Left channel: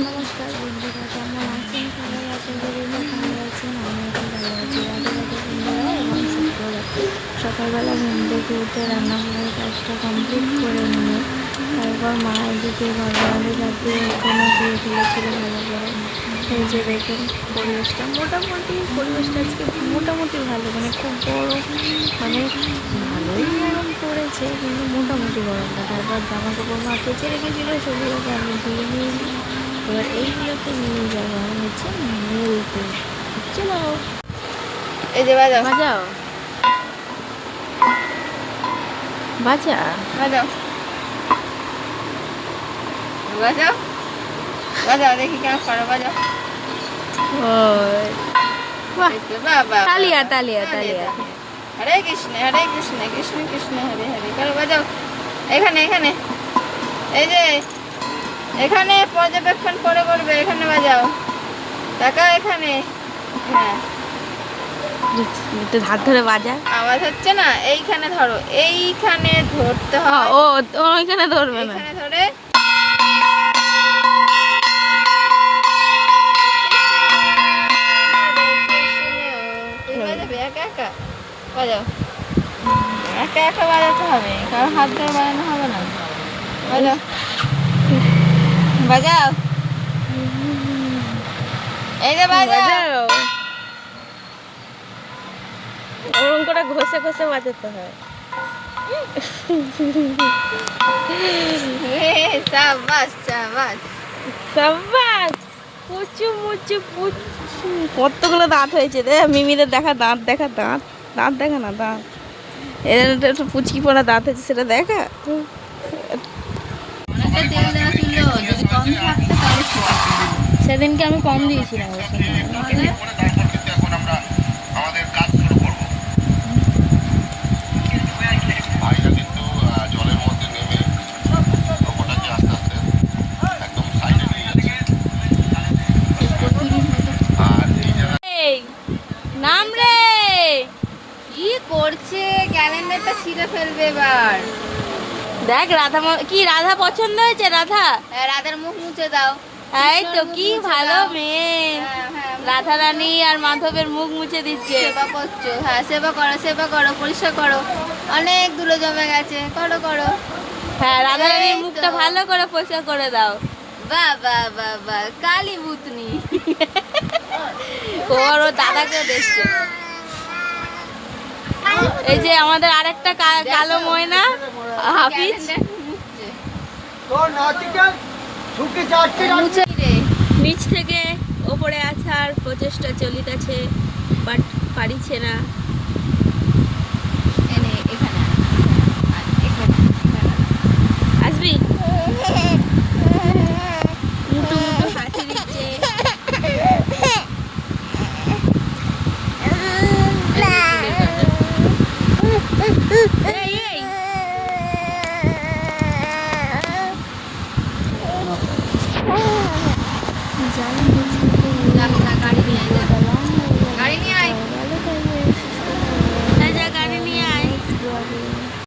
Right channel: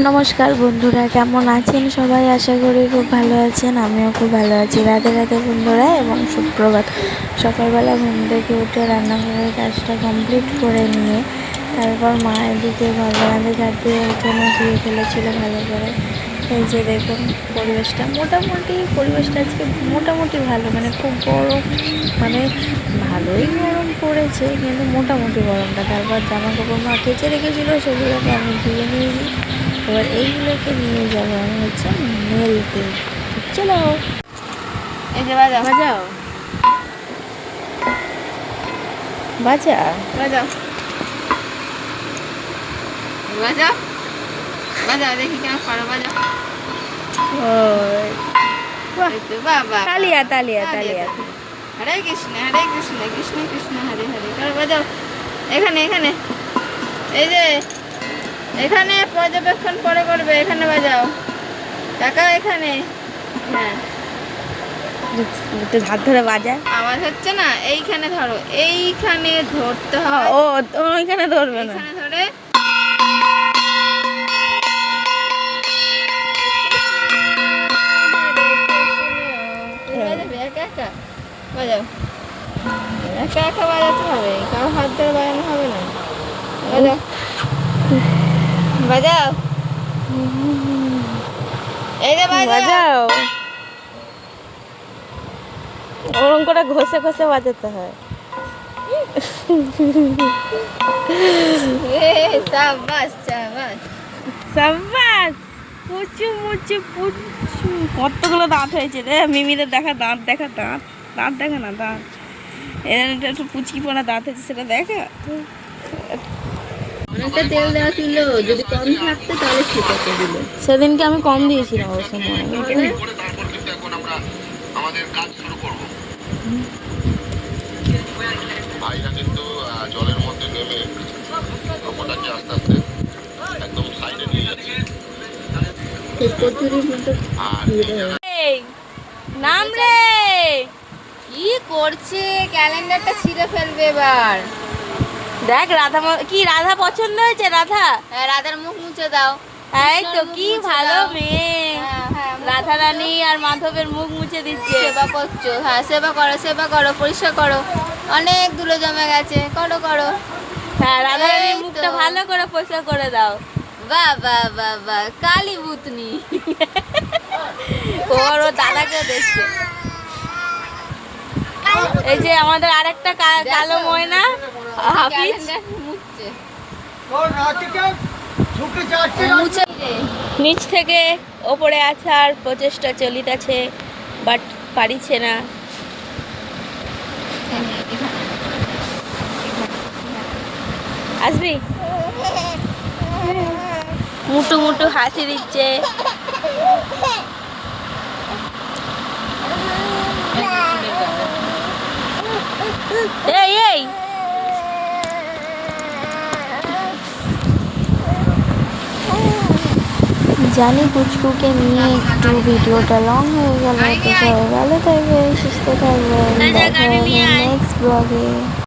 নমস্কার বন্ধুরা, কেমন আছেন সবাই? আশা করি খুব ভালো আছেন। আমিও খুব ভালো আছি। রাধে রাধে বন্ধুরা এবং সুপ্রভাত। সকালবেলা ঘুম থেকে উঠে রান্নাঘরের কাজটা কমপ্লিট করে নিয়ে তারপর মা এদিকে ঘর বারান্দা ঝাড় দিয়ে উঠোনে ধুয়ে ফেলেছিল ভালো করে। এই যে দেখুন পরিবেশটা আজকে মোটামুটি ভালো, মানে খুব গরম, মানে ভালোই গরম পড়েছে কিন্তু মোটামুটি গরমটা। তারপর জামা কাপড় মা কেচে রেখেছিল, সেগুলোকে আমি ধুয়ে নিয়েছি। এবার এইগুলোকে নিয়ে যাবো আমি হচ্ছে মেলতে। চলো, এই যে বাজাও বাজাও বাজা বাজাও বাজাও বাজাও, দেখি কেমন করো, বাজাও। বাহ, এই তো বাবা, তালিয়া তালিয়া তালিয়া। হরে কৃষ্ণ কৃষ্ণ কৃষ্ণ হরে হরে, করো, বাজাও। এখানে এখানে এই যে এখানে পর্যবেক্ষণ করে করবে, এখানে বাজাও টাকা, এখানে। হ্যাঁ, হাত ধরে বাজা। আওয়াজ হচ্ছে না, এইখানে ধরো, এইখানে ধরতে হয়। ও ওইখানে ধরবে না। এখানে ধরে বাজাবে একা একা, বাজাও। একা একা বাজাতে হবে, কারো হাত ধরে বাজানো হবে না। বাজাও বাজাও, এই যে বাজাও। বাজাও, ওরকম করে ঘষে ঘষে বাজাতে হয়। সাবাস সাবাস সাবাস, পুচু মুচু পুচু। কতগুলো দাঁত হয়েছে রে মিমিদের, দেখা দাঁত, দেখা দাঁত, দাঁত দেখা না, দাঁত এটা একটু পুচকি পড়া দাঁত হয়েছে, সেটা দেখা। অনেকটা তেল দেওয়া ছিল, যদি কম থাকতো তাহলে ছেঁচাতে দিল। সেদিনকে আমি কম দিয়েছিলাম অবশ্য মনে হয়। ভাইরা কিন্তু জলের মধ্যে নেমে নৌকোটাকে আস্তে আস্তে একদম সাইডে নিয়ে যাচ্ছে। আর এই নাম রে, কি করছে, ক্যালেন্ডারটা ছিঁড়ে ফেলবে এবার। দেখ রাধা কি রাধা পছন্দ হয়েছে? রাধা, হ্যাঁ, রাধার মুখ মুছে দাও। এই তো কি ভালো মেয়ে। হ্যাঁ, হ্যাঁ, রাধা রানী আর মাধবের মুখ মুছে দিচ্ছে। সেবা করছো, হ্যাঁ সেবা করো, পরিষ্কার করো, অনেক ধুলো জমে গেছে, করো করো। হ্যাঁ, রাধা রানীর এই তো। মুখটা ভালো করে পরিষ্কার করে দাও। বাহ বাহ বাহ বাহ, কালী ভূতনি। ওর দাদাকেও দেখছে। এই যে আমাদের আরেকটা কালো ময়না হাফিজ, মুছে রে। নিচ থেকে ওপরে আসার প্রচেষ্টা চলিতেছে, বাট পারিছে না। আসবি, মুটু মুটু হাসি দিচ্ছে। এই এই জানি পুচকুকে নিয়ে একটু ভিডিওটা লং হয়ে গেল, তো সবাই ভালো থাকবে, সুস্থ থাকবে। নেক্সট ব্লগে।